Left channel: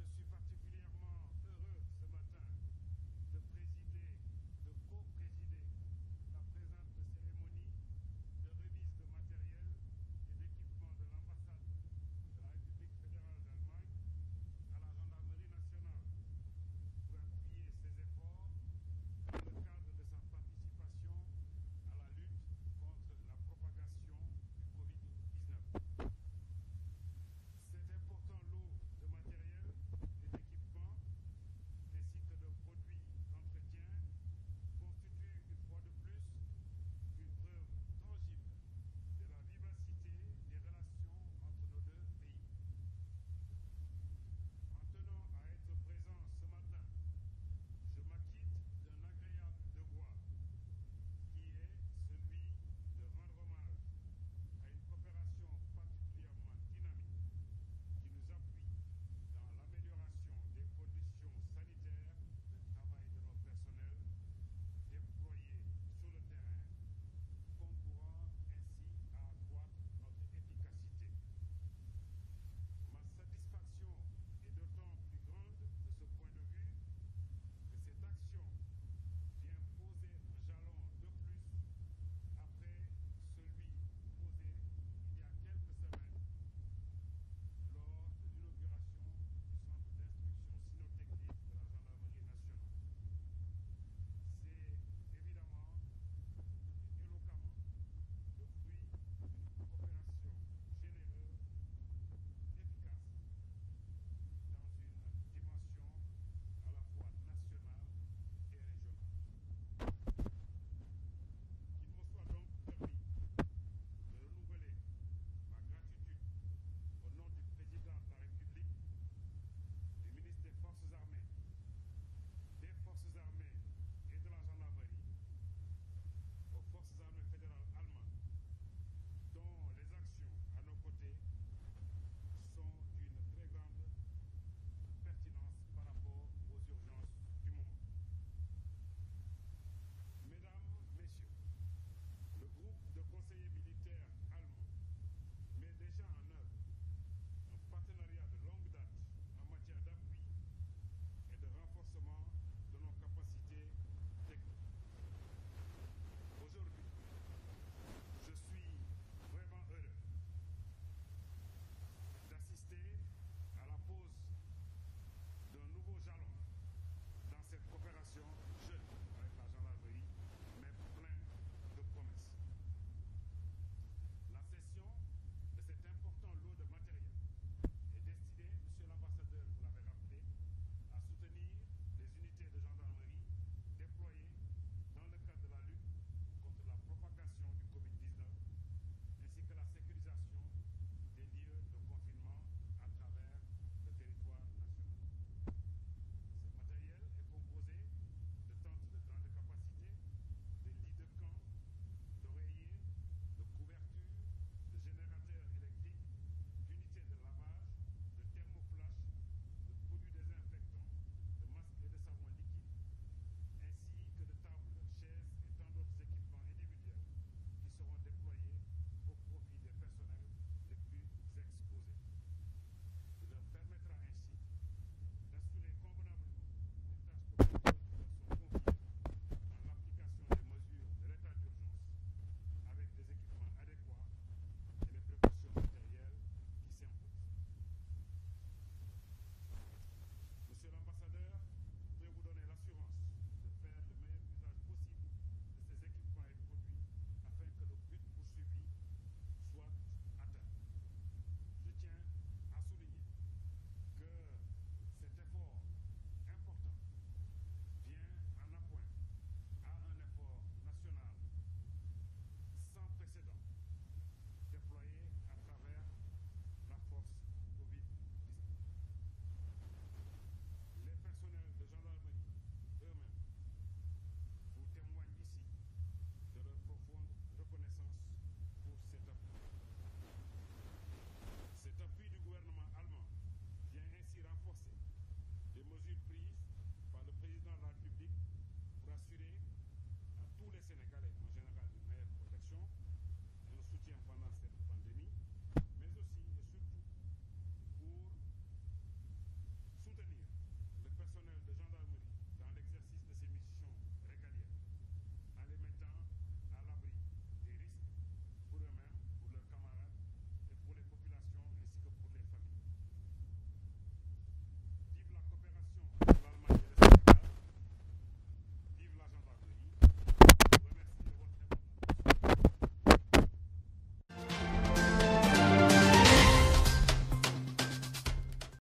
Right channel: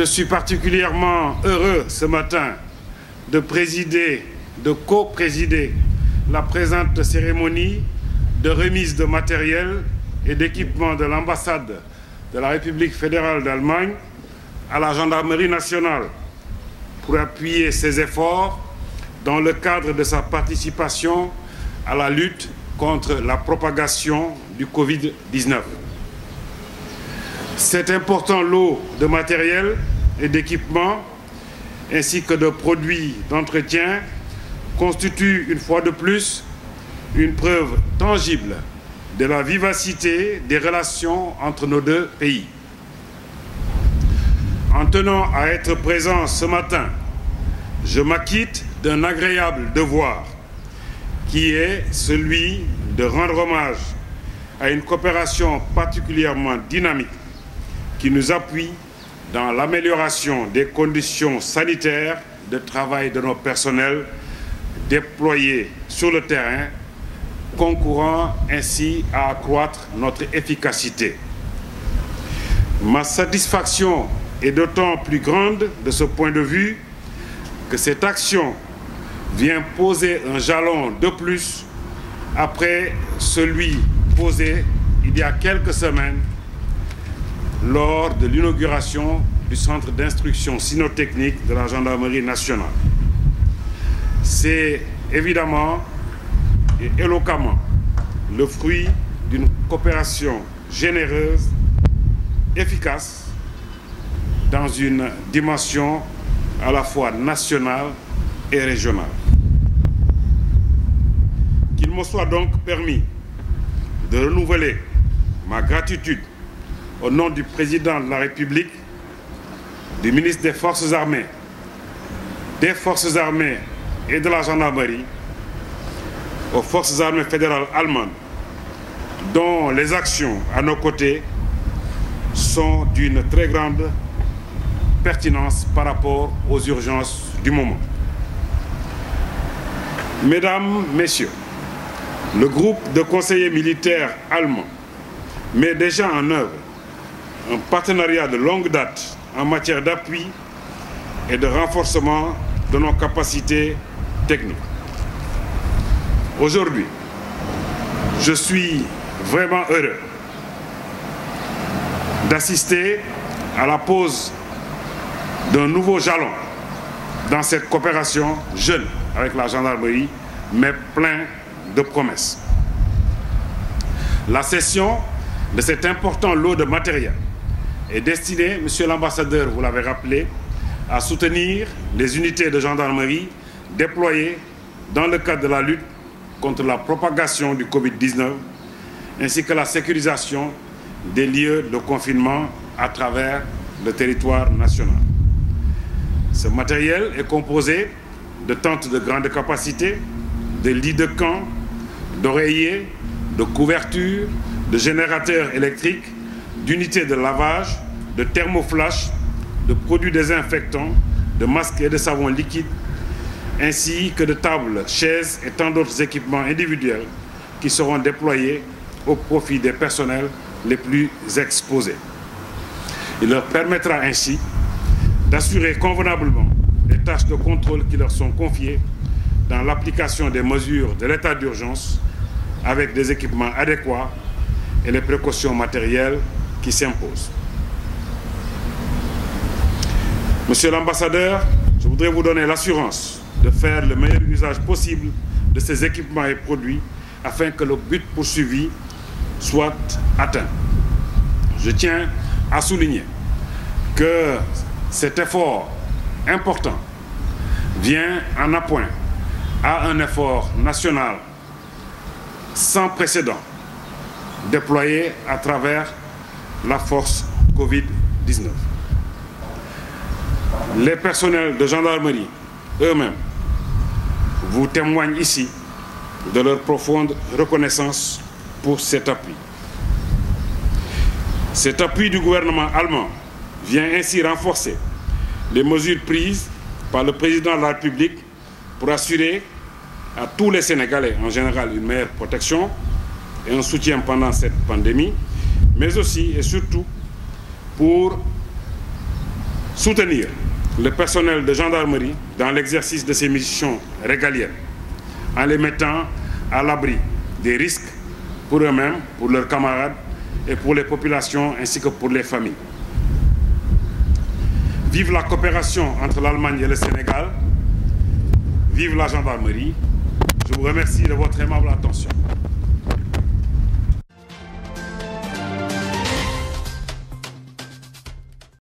Je suis particulièrement heureux ce matin de co-présider la présente cérémonie de remise de matériel et d'équipement de l'ambassade de la République fédérale d'Allemagne à la Gendarmerie nationale pour appuyer ses efforts dans le cadre de sa participation à la lutte contre la propagation du Covid-19. Cet important lot de matériel et d'équipement ainsi que de produits d'entretien constitue une fois de plus une preuve tangible de la vivacité des relations entre nos deux pays. En tenant à être présent ce matin, je m'acquitte d'un agréable devoir qui est celui de rendre hommage à une coopération particulièrement dynamique qui nous appuie dans l'amélioration des conditions sanitaires de travail de nos personnels déployés sur le terrain, concourant ainsi à accroître notre efficacité. Ma satisfaction est d'autant plus grande de ce point de vue que cette action vient poser un jalon de plus après celui posé il y a quelques semaines lors de l'inauguration du centre d'instruction cynotechnique de la Gendarmerie nationale. C'est évidemment et éloquemment le fruit d'une coopération généreuse, efficace, dans une dimension à la fois nationale et régionale. Qu'il me soit donc permis de renouveler ma gratitude au nom du président de la République, du ministre des Forces armées et de la gendarmerie, aux Forces armées fédérales allemandes, dont les actions à nos côtés sont d'une très grande pertinence par rapport aux urgences du moment. Mesdames, Messieurs, le groupe de conseillers militaires allemands met déjà en œuvre un partenariat de longue date en matière d'appui et de renforcement de nos capacités techniques. Aujourd'hui, je suis vraiment heureux d'assister à la pose d'un nouveau jalon dans cette coopération jeune avec la gendarmerie, mais plein de promesses. La cession de cet important lot de matériel est destinée, Monsieur l'ambassadeur, vous l'avez rappelé, à soutenir les unités de gendarmerie déployées dans le cadre de la lutte contre la propagation du Covid-19, ainsi que la sécurisation des lieux de confinement à travers le territoire national. Ce matériel est composé de tentes de grande capacité, de lits de camp, d'oreillers, de couvertures, de générateurs électriques, d'unités de lavage, de thermoflash, de produits désinfectants, de masques et de savons liquides, ainsi que de tables, chaises et tant d'autres équipements individuels qui seront déployés au profit des personnels les plus exposés. Il leur permettra ainsi d'assurer convenablement les tâches de contrôle qui leur sont confiées dans l'application des mesures de l'état d'urgence avec des équipements adéquats et les précautions matérielles qui s'imposent. Monsieur l'ambassadeur, je voudrais vous donner l'assurance de faire le meilleur usage possible de ces équipements et produits afin que le but poursuivi soit atteint. Je tiens à souligner que cet effort important vient en appoint à un effort national sans précédent déployé à travers la force Covid-19. Les personnels de gendarmerie eux-mêmes vous témoignent ici de leur profonde reconnaissance pour cet appui. Cet appui du gouvernement allemand vient ainsi renforcer les mesures prises par le président de la République pour assurer à tous les Sénégalais en général une meilleure protection et un soutien pendant cette pandémie, mais aussi et surtout pour soutenir le personnel de gendarmerie dans l'exercice de ses missions régaliennes, en les mettant à l'abri des risques pour eux-mêmes, pour leurs camarades et pour les populations ainsi que pour les familles. Vive la coopération entre l'Allemagne et le Sénégal. Vive la gendarmerie. Je vous remercie de votre aimable attention.